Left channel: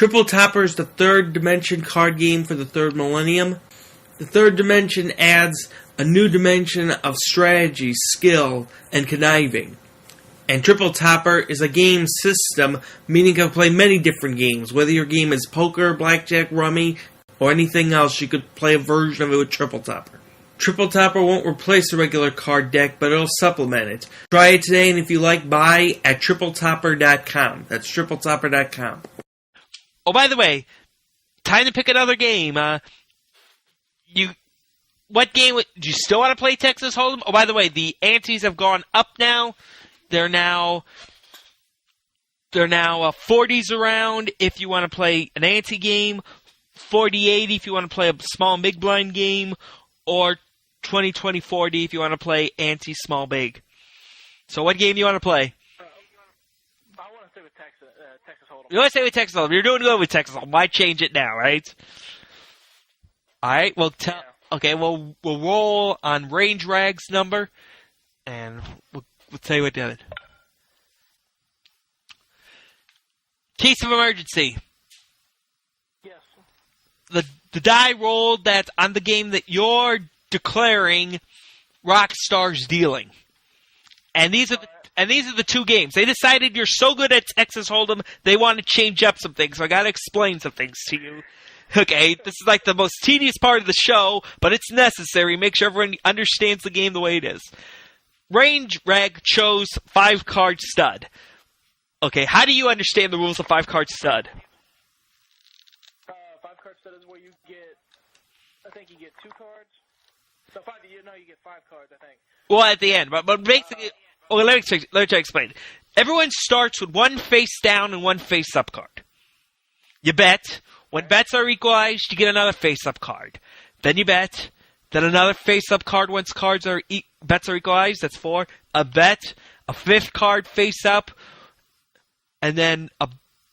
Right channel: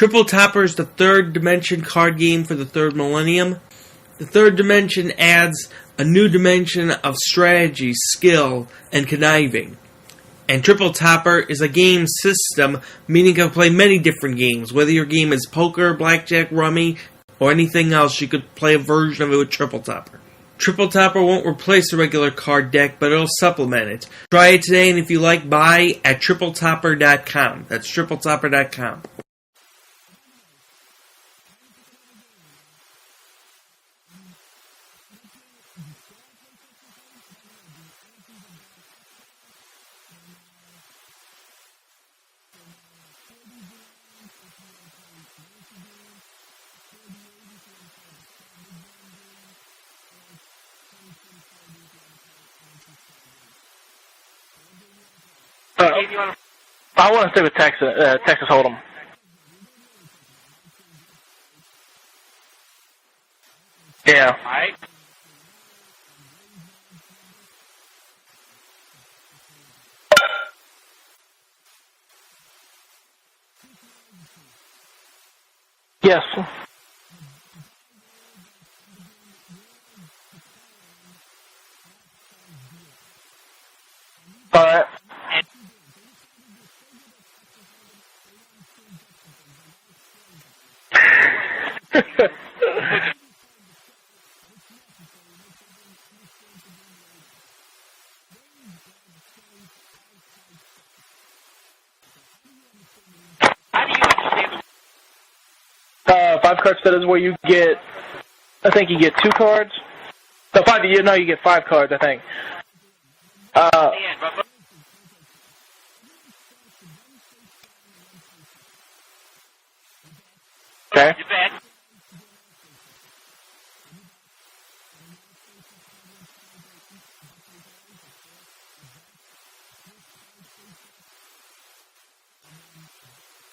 Triple Topper is the third dimension card game for the third millennium. The third dimension adds a new dimension of strategy, skill, and conniving. And Triple Topper is a game system, meaning you can play many different games. Whether your game is poker, blackjack, rummy, or anything else, you could play a version of it with Triple Topper. Triple Topper won't replace the regular card deck, but it'll supplement it. Try it today, and if you like, buy at TripleTopper.com. That's TripleTopper.com. Oh, by the way, time to pick another game. What game do you still want to play Texas Hold'em? Oh, by the way, the antes have gone up now. They're now 40s around if you want to play an ante game, 40-80 if you want to play a small big blind game, or 20-20-40 if you want to play ante small big. So what game do you want to play? I want to stay with Texas Hold'em. You want to stay with Texas Hold'em. You're doing good with Texas Hold'em. Why change it now, right? All right. Well, okay. We'll roll on Range Rag's number, and we'll tell you what did it. Case of emergency. Yes. The die rolled that on the game that you're declaring Rockstar's dealing. And these are the two games. They decided you're so good at Texas Hold'em, they want to change up some things. So I got to explain some things to you. Okay, this is like the most tedious part of the show, but it's necessary. Make sure everyone understands the game the way it is. Range Rag chose 5-card stud. Okay, how do you understand the rules of 5-card stud? 5-card stud is where you get, I think you get 2 cards. No, you get 5 cards, I think. Well, at the end, but basically, let me explain. Everyone starts with 1 face down and 1 face up card. You bet. Okay. When bets are equalized, you get another face up card. Then you bet. Then another face up card once bets are equalized. That's 4. A bet. A 5th card face up. And then a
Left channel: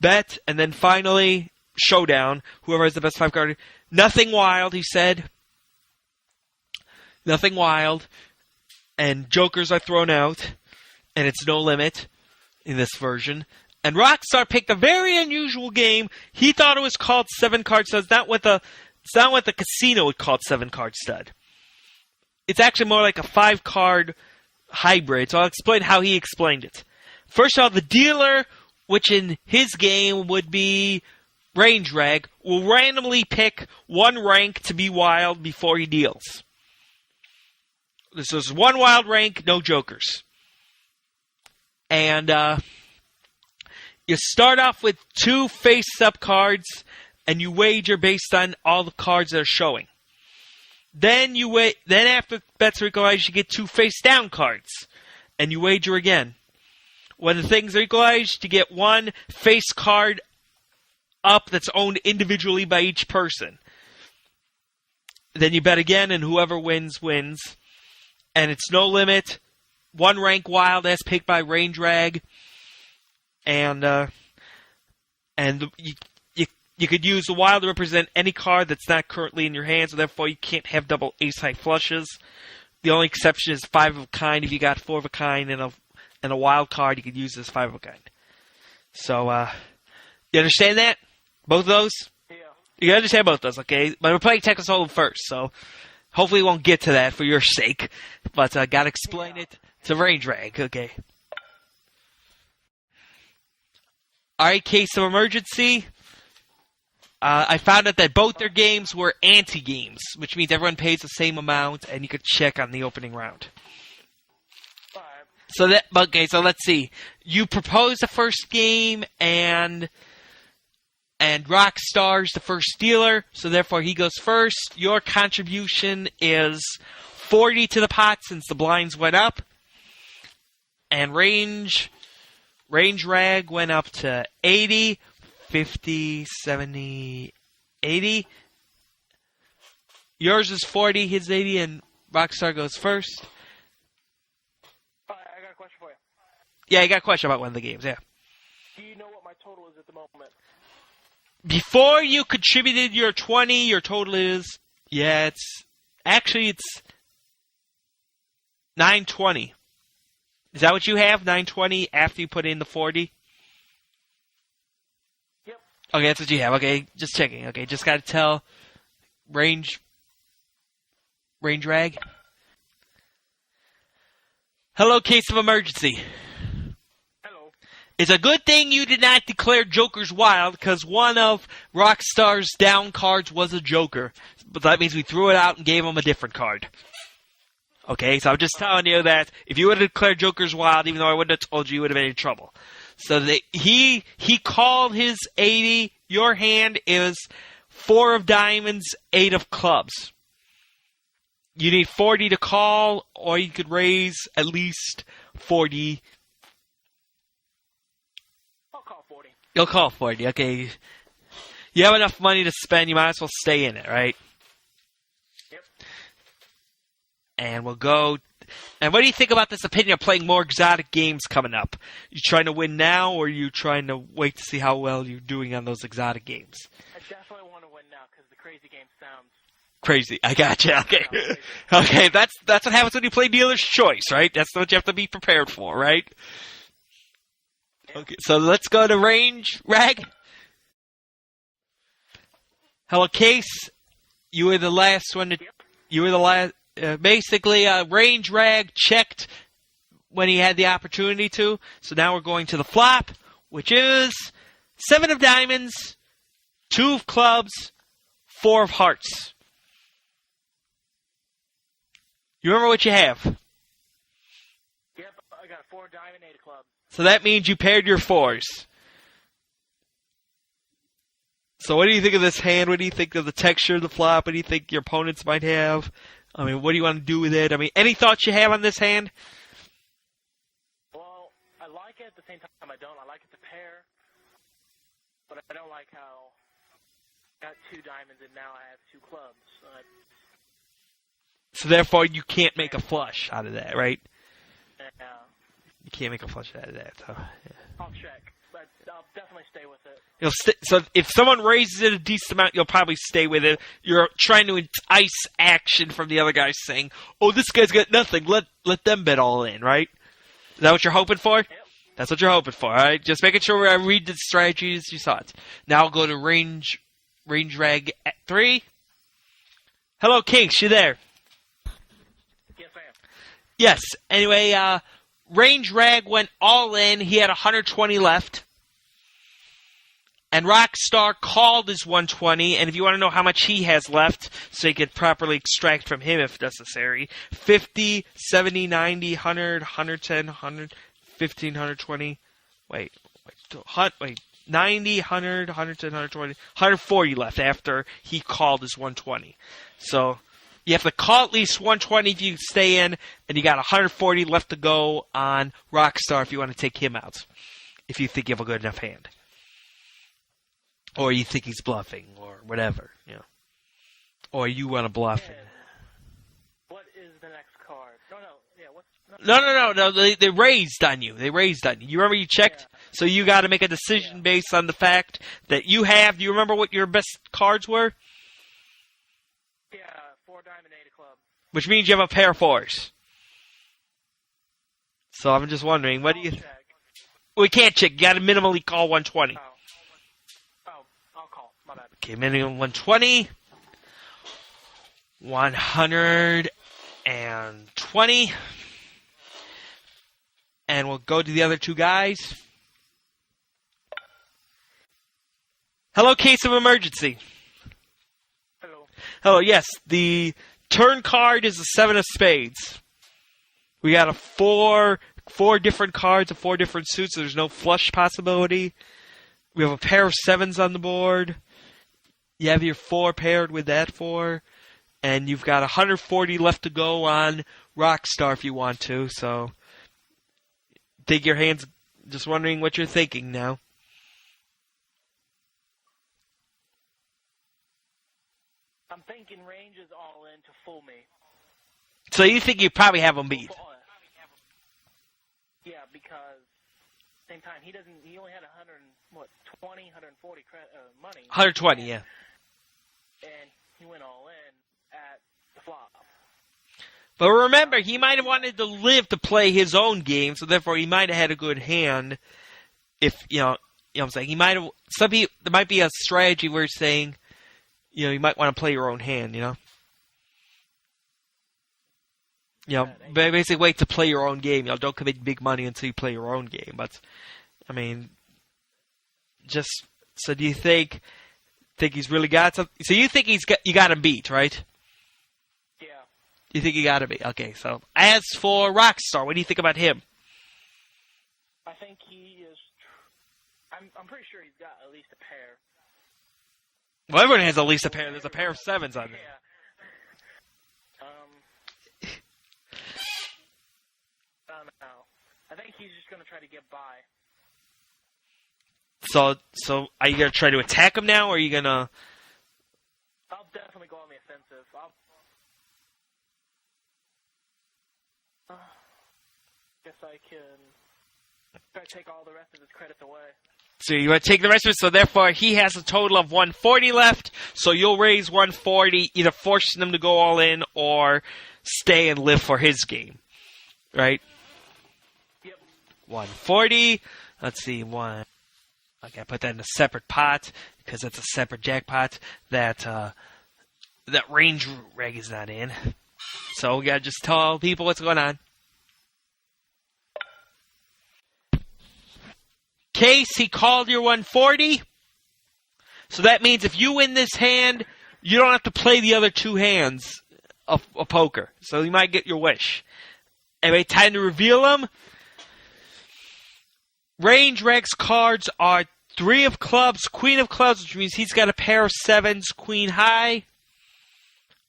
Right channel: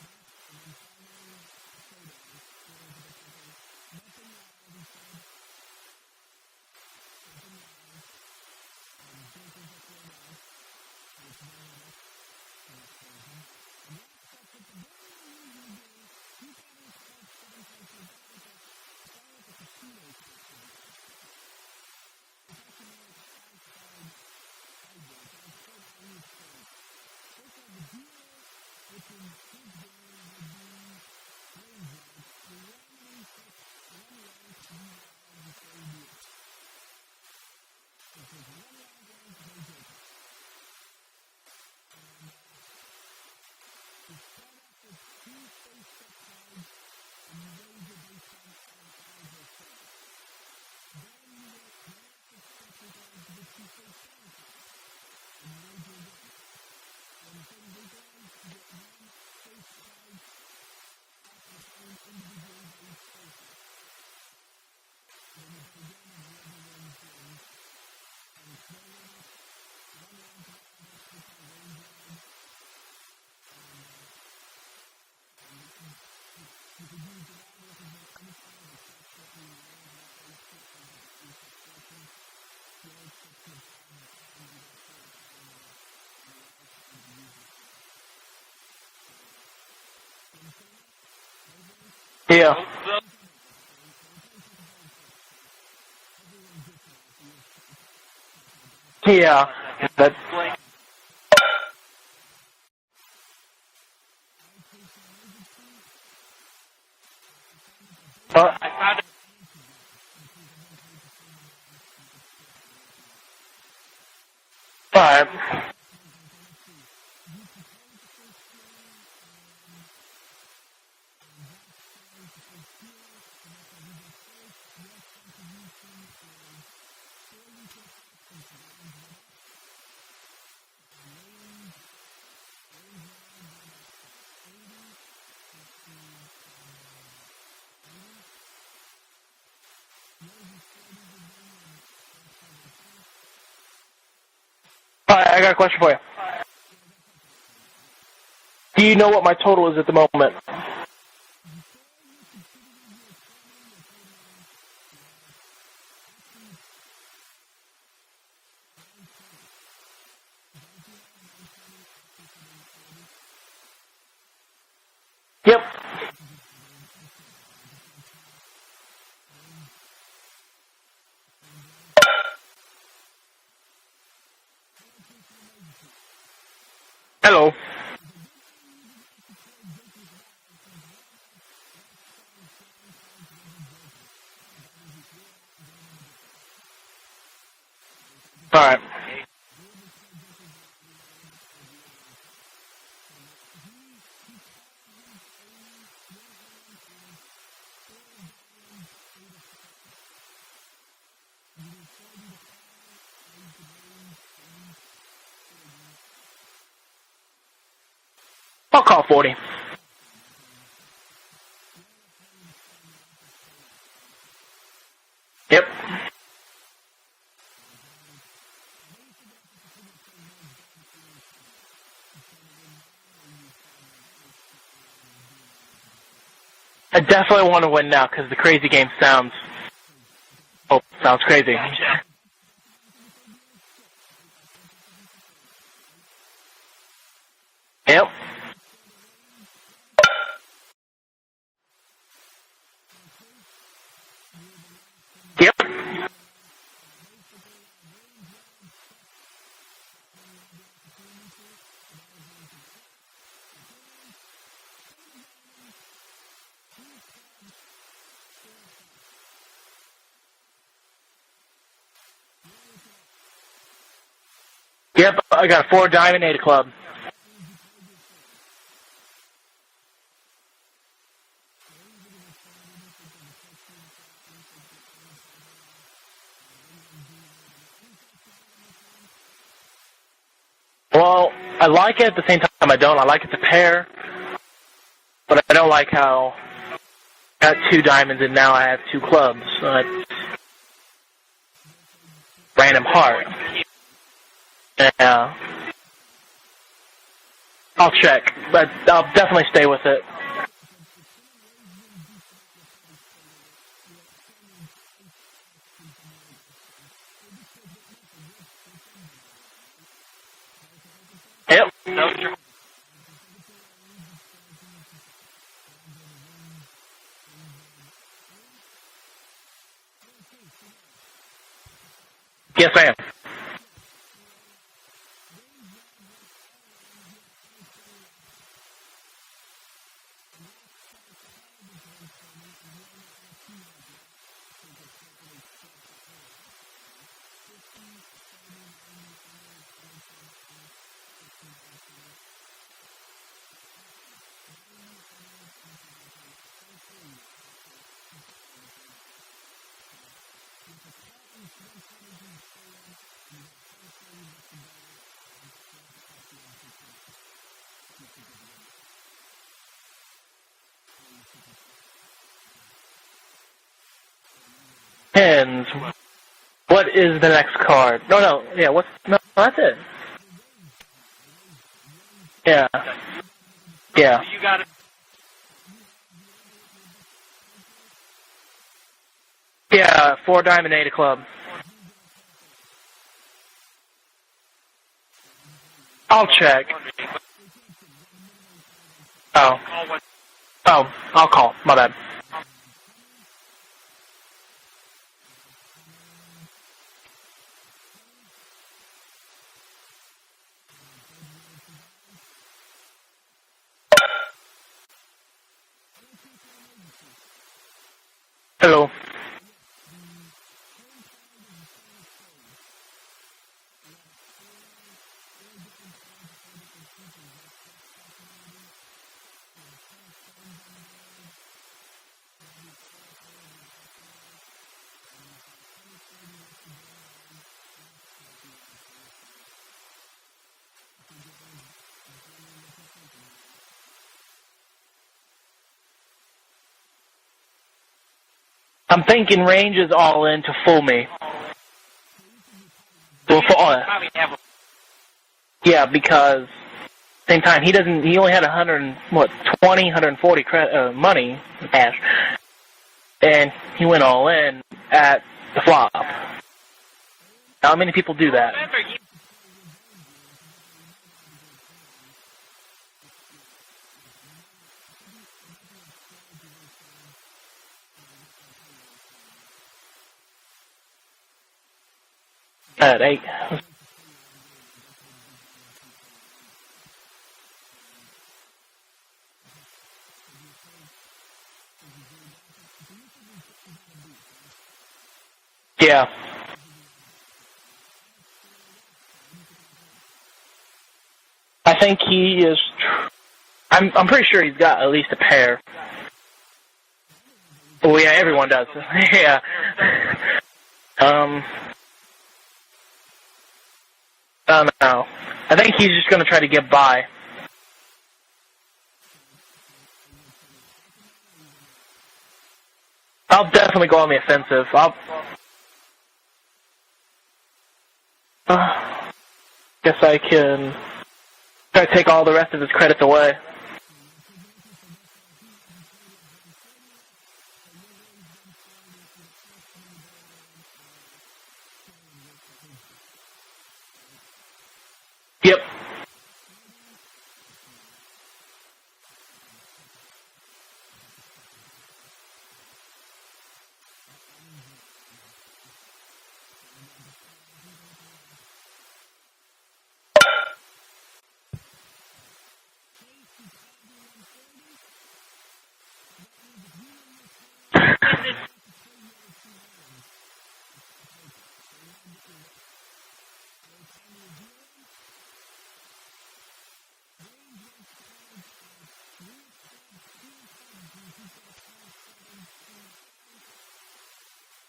bet. And then finally, showdown. Whoever has the best 5 card. Nothing wild, he said. Nothing wild. And jokers are thrown out. And it's no limit in this version. And Rockstar picked a very unusual game. He thought it was called 7-card stud. It's not what the casino would call 7-card stud. It's actually more like a 5-card hybrid. So I'll explain how he explained it. First of all, the dealer, which in his game would be Range Rag, will randomly pick 1 rank to be wild before he deals. This is 1 wild rank, no jokers. And you start off with 2 face-up cards, and you wager based on all the cards that are showing. Then after bets are equalized, you get 2 face-down cards, and you wager again. When the things are equalized, you get 1 face card up that's owned individually by each person. Then you bet again, and whoever wins, wins. And it's no limit. 1 rank wild as picked by Range Rag. And you could use the wild to represent any card that's not currently in your hand, so therefore you can't have double ace-high flushes. The only exception is 5 of a kind. If you got 4 of a kind and a wild card, you could use this 5 of a kind. So, you understand that? Both of those? Yeah. You understand both those, okay? But we're playing Texas Hold'em first, so hopefully we won't get to that for your sake. But I got to explain the Range Rag, okay? Alright, case of emergency. I found out that both their games were anti-games, which means everyone pays the same amount, and you could check on the opening round. Alright. So let's see. You propose the first game, and Rockstar's the first dealer, so therefore he goes first. Your contribution is 40 to the pot since the blinds went up. And Range Rag went up to 80, 50, 70, 80. Yours is 40, his 80, and Rockstar goes first. Alright, I got a question for you. Yeah, you got a question about one of the games, yeah. Do you know what my total is at the moment? Before you contributed your 20, your total is... Yeah, it's 920. Is that what you have? 920 after you put in the 40? Yep. Okay, that's what you have. Okay, just checking. Okay, just gotta tell range rag. Hello, case of emergency. Hello. It's a good thing you did not declare Jokers wild, because one of Rockstar's down cards was a Joker. But that means we threw it out and gave him a different card. Okay, so I'm just telling you that if you would have declared Jokers wild, even though I wouldn't have told you, you would have been in trouble. So he called his 80. Your hand is 4 of diamonds, 8 of clubs. You need 40 to call, or you could raise at least 40. I'll call 40. You'll call 40, okay. You have enough money to spend, you might as well stay in it, right? Yep. And we'll go. And what do you think about this opinion of playing more exotic games coming up? You trying to win now, or are you trying to wait to see how well you're doing on those exotic games? I definitely want to win now because the crazy game sounds Crazy. I gotcha. Okay. sounds crazy. Okay, that's what happens when you play Dealer's Choice, right? That's what you have to be prepared for, right? Yep. So let's go to range rag. Hello, Case. You were the last one to. Yep. You were the last. Basically, range rag checked when he had the opportunity to. So now we're going to the flop, which is 7 of diamonds, 2 of clubs, 4 of hearts. You remember what you have? Yep, I got a 4 diamond, 8 club. So that means you paired your 4s. So what do you think of this hand? What do you think of the texture of the flop? What do you think your opponents might have? I mean, what do you want to do with it? I mean, any thoughts you have on this hand? Well, I like it. At the same time, I don't. I like it to pair, but I don't like how I got 2 diamonds and now I have 2 clubs. So therefore, you can't Random make a flush heart. out of that, right? Yeah. You can't make a flush out of that. So, I'll check, but I'll definitely stay with it. so if someone raises it a decent amount, you'll probably stay with it. You're trying to entice action from the other guy, saying, "Oh, this guy's got nothing. Let them bet all in." Right? Is that what you're hoping for? Yep. That's what you're hoping for. All right. Just making sure I read the strategies you saw it. Now I'll go to range rag at 3. Hello, Case. You there? Yes, I am. Yes. Anyway, range rag went all in. He had 120 left. And Rockstar called his 120. And if you want to know how much he has left, so you could properly extract from him if necessary, 50, 70, 90, 100, 110, 100, 15, 120. Wait. 90, 100, 110, 120, 140 left after he called his 120. So you have to call at least 120 if you stay in, and you got 140 left to go on Rockstar if you want to take him out. If you think you have a good enough hand. Or you think he's bluffing, or whatever, you know. Or you want to bluff. And what is the next card? No. Yeah, what's... No. They raised on you. You remember you checked? Yeah. So you got to make a decision based on the fact that you have... Do you remember what your best cards were? Yeah, 4 diamond, 8 club. Which means you have a pair of 4s. So I'm just wondering... I'll check. We can't check. You got to minimally call 120. Oh, I'll call. My bad. Okay, minimum 120. 120. And we'll go to the other 2 guys. Hello, case of emergency. Hello. Oh, yes. The turn card is a 7 of spades. We got a 4 different cards of 4 different suits. So there's no flush possibility. We have a pair of 7s on the board. You have your 4 paired with that 4. And you've got 140 left to go on Rockstar if you want to. So, take your hands. Just wondering what you're thinking now. I'm thinking range is all in to fool me. So you think you probably have a Well, yeah, because same time he only had 140 money. 120. And he went all in at the flop. But remember, How many he people might do have that? wanted to live to play his own game, so therefore he might have had a good hand. If You know what I'm saying? He might have. There might be a strategy where he's saying, you might want to play your own hand. Basically wait to play your own game. Don't commit big money until you play your own game. But I mean, so do you think he's really got something? So you think you got him beat, right? Yeah. You think you got him beat? Okay. So as for Rockstar, what do you think about him? I think he is. I'm pretty sure he's got at least a pair. Well, everyone has at least. Well, yeah, everyone does. Yeah. I don't know. I think he's just going to try to get by. So are you going to try to attack him now, or are you going to... I'll definitely go on the offensive. Guess I can try to take all the rest of his credits away. So you want to take the rest of it, so therefore he has a total of 140 left, so you'll raise 140, either forcing him to go all in, or stay and live for his game. Right? Yep. 140. Let's see, I put that in a separate pot, because it's a separate jackpot that range reg is not in. So we gotta just tell people what's going on. Case, he called your 140. So that means if you win this hand, you don't have to play the other two hands of poker. So you might get your wish. Anyway, time to reveal them. Range Reg's cards are 3 of clubs, Queen of clubs, which means he's got a pair of 7s, Queen high.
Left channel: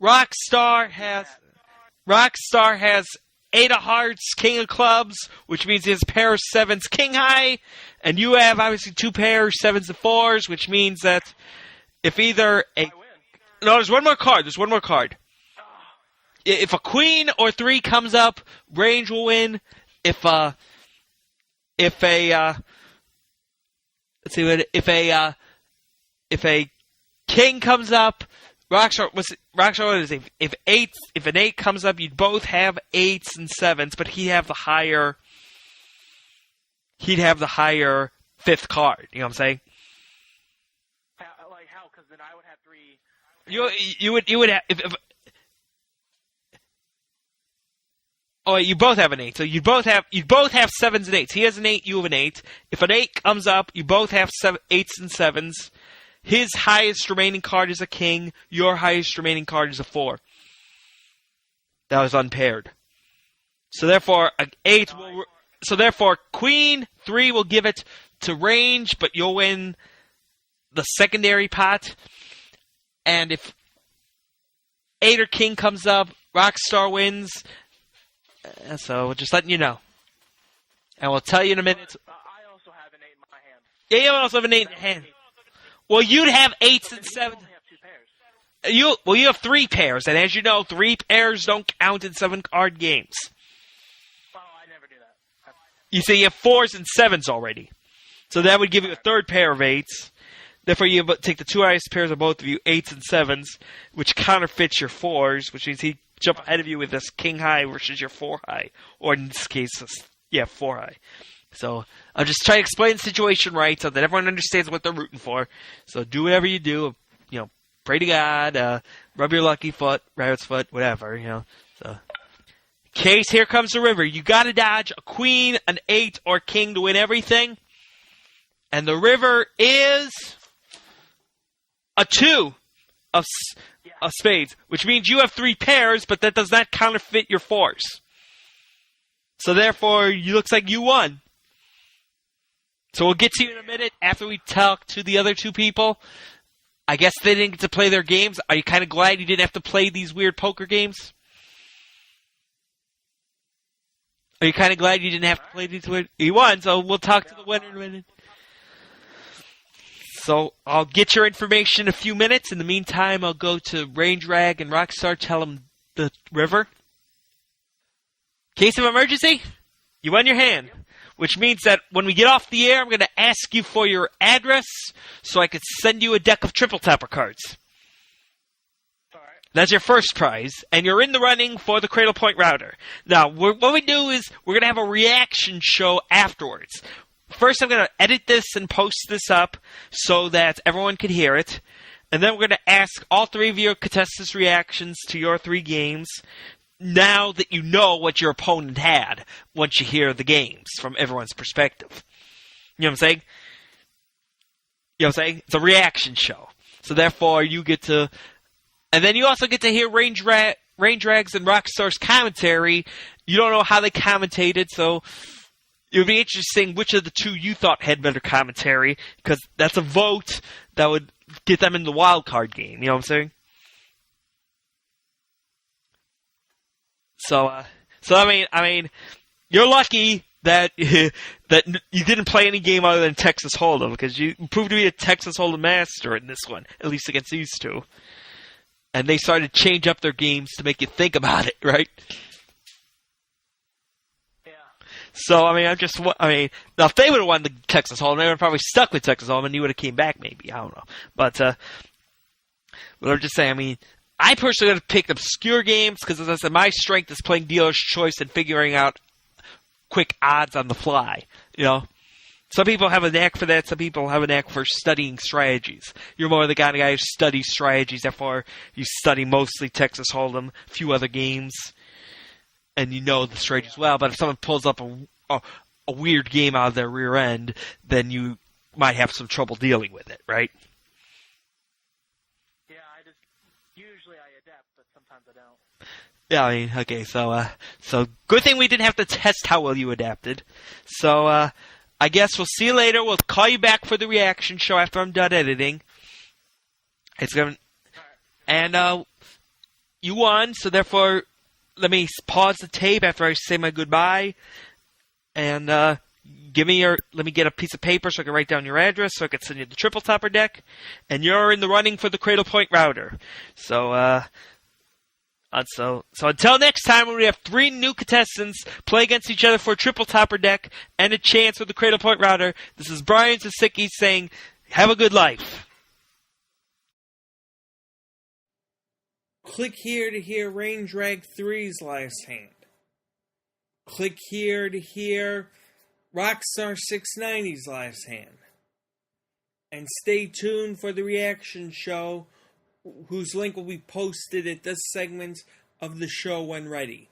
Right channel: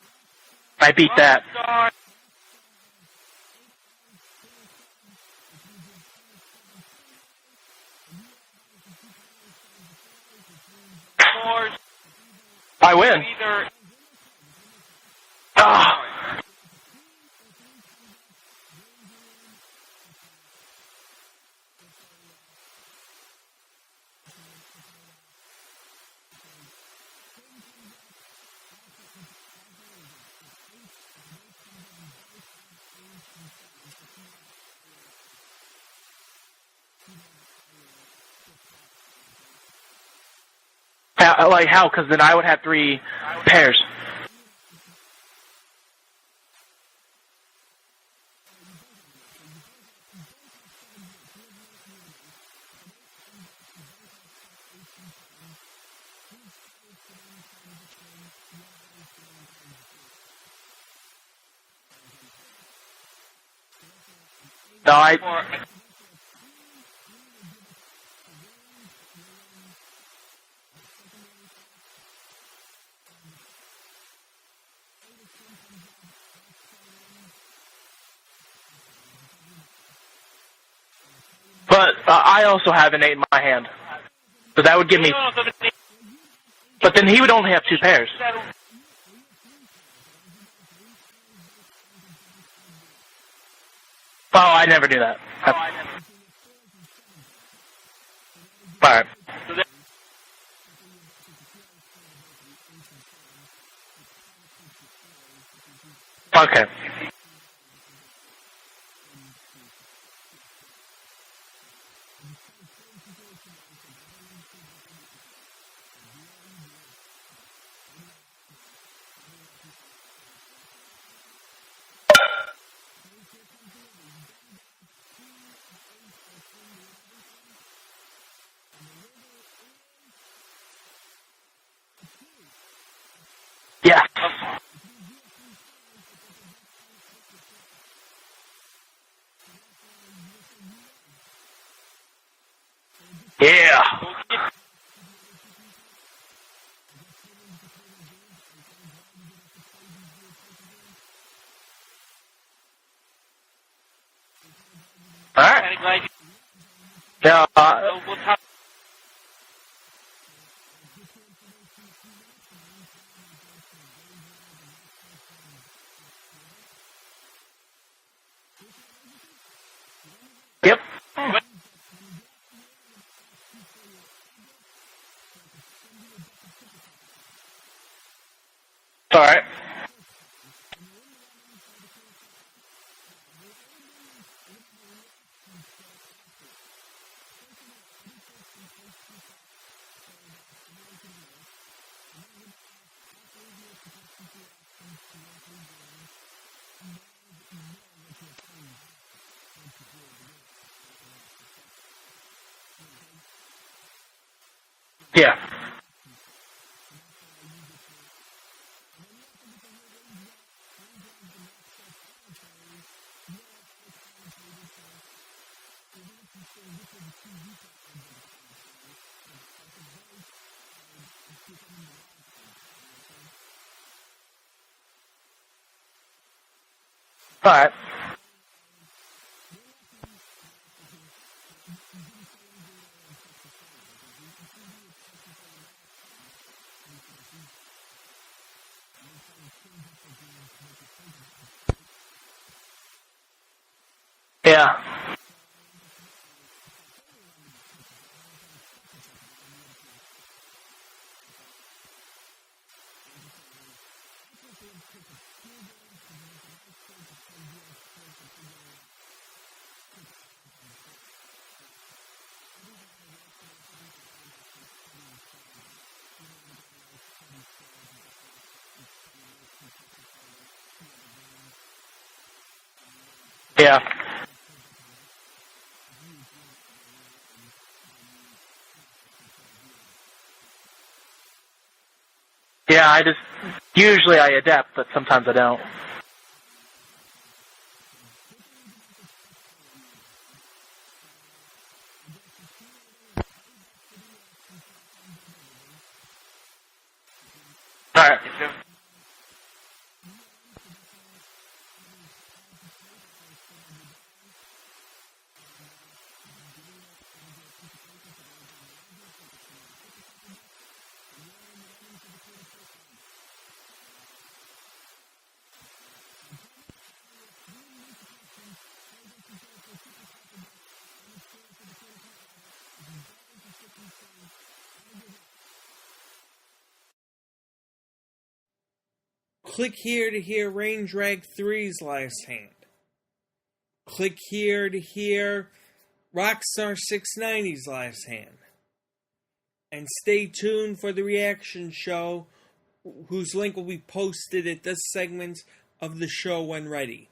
Rockstar. I beat that. Rockstar has 8 of hearts, King of clubs, which means he has a pair of 7s, King high. And you have, obviously, 2 pairs, 7s and 4s, which means that if either... I win. No, there's one more card. Ah. If a Queen or 3 comes up, Range will win. If a King comes up, Rockstar if an 8 comes up, you'd both have 8s and 7s, but he'd have the higher 5th card. You know what I'm saying? How? Because then I would have 3 pairs. You would have Oh, you both have an 8. So you'd both have 7s and 8s. He has an 8, you have an 8. If an 8 comes up, you both have 8s and 7s. His highest remaining card is a king. Your highest remaining card is a 4. That was unpaired. So therefore, an 8. So therefore, Queen 3 will give it to Range, but you'll win the secondary pot. And if 8 or King comes up, Rockstar wins. So, just letting you know. And we'll tell you in a minute. But I also have an 8 in my hand. Yeah, you also have an 8 so that would give me... Well, you'd have 8. But then he would only have 2 pairs. You have 3 pairs. And as you know, 3 pairs don't count in 7-card games. Oh, I never knew that. You say you have 4s and 7s already. So that would give you a 3rd pair of 8s. Therefore, you take the 2 highest pairs of both of you, 8s and 7s, which counterfeits your 4s, which means he jump ahead of you with this king high versus your 4 high. Or in this case, 4 high. So I'll just try to explain the situation right so that everyone understands what they're rooting for. So do whatever you do. Pray to God, rub your lucky foot, rabbit's foot, whatever, So. Case, here comes the river. You gotta dodge a queen, an 8, or king to win everything. And the river is a 2 of spades, which means you have 3 pairs, but that does not counterfeit your 4s. So therefore, it looks like you won. So we'll get to you after we talk to the other 2 people. I guess they didn't get to play their games. Are you kind of glad you didn't have to play these weird poker games? Are you kind of glad you didn't have to play these games? You won, so we'll talk to you. So I'll get your information in a few minutes. In the meantime, I'll go to Range Rag and Rockstar, tell them the river. Case of emergency, you won your hand. Yep. Which means that when we get off the air, I'm going to ask you for your address so I could send you a deck of triple tapper cards. All right. That's your first prize, and you're in the running for the Cradle Point router. Now, what we do is we're going to have a reaction show afterwards. first I'm going to edit this and post this up so that everyone can hear it. And then we're going to ask all three of your contestants' reactions to your 3 games now that you know what your opponent had once you hear the games from everyone's perspective. You know what I'm saying? You know what I'm saying? It's a reaction show. So therefore, you get to... And then you also get to hear Rain Drags and Rockstar's commentary. You don't know how they commentated, so it would be interesting which of the two you thought had better commentary, because that's a vote that would get them in the wild card game. You know what I'm saying? So, All right. so I mean, you're lucky that that you didn't play any game other than Texas Hold'em, because you proved to be a Texas Hold'em master in this one, at least against these two. And they started to change up their games to make you think about it, right? Yeah. So, I mean, now if they would have won the Texas Hold'em, they would have probably stuck with Texas Hold'em and you would have came back maybe. I don't know. But I'm just saying, I mean, I personally would have picked obscure games because, as I said, my strength is playing dealer's choice and figuring out quick odds on the fly, you know? Some people have a knack for that. Some people have a knack for studying strategies. You're more the kind of guy who studies strategies. Therefore, you study mostly Texas Hold'em, a few other games, and you know the strategy well. But if someone pulls up a weird game out of their rear end, then you might have some trouble dealing with it, right? Yeah, usually I adapt, but sometimes I don't. Yeah, I mean, okay, so good thing we didn't have to test how well you adapted. So, I guess we'll see you later. We'll call you back for the reaction show after I'm done editing. It's gonna... Alright. And, you won, so therefore, let me pause the tape after I say my goodbye. And, let me get a piece of paper so I can write down your address so I can send you the Triple Topper deck. And you're in the running for the Cradle Point router. So until next time, when we have 3 new contestants play against each other for a Triple Topper deck and a chance with the Cradle Point router, this is Brian Zasicki saying, have a good life. Click here to hear Rain Drag 3's last hand. Click here to hear Rockstar 690's last hand. And stay tuned for the reaction show, whose link will be posted at this segment of the show when ready.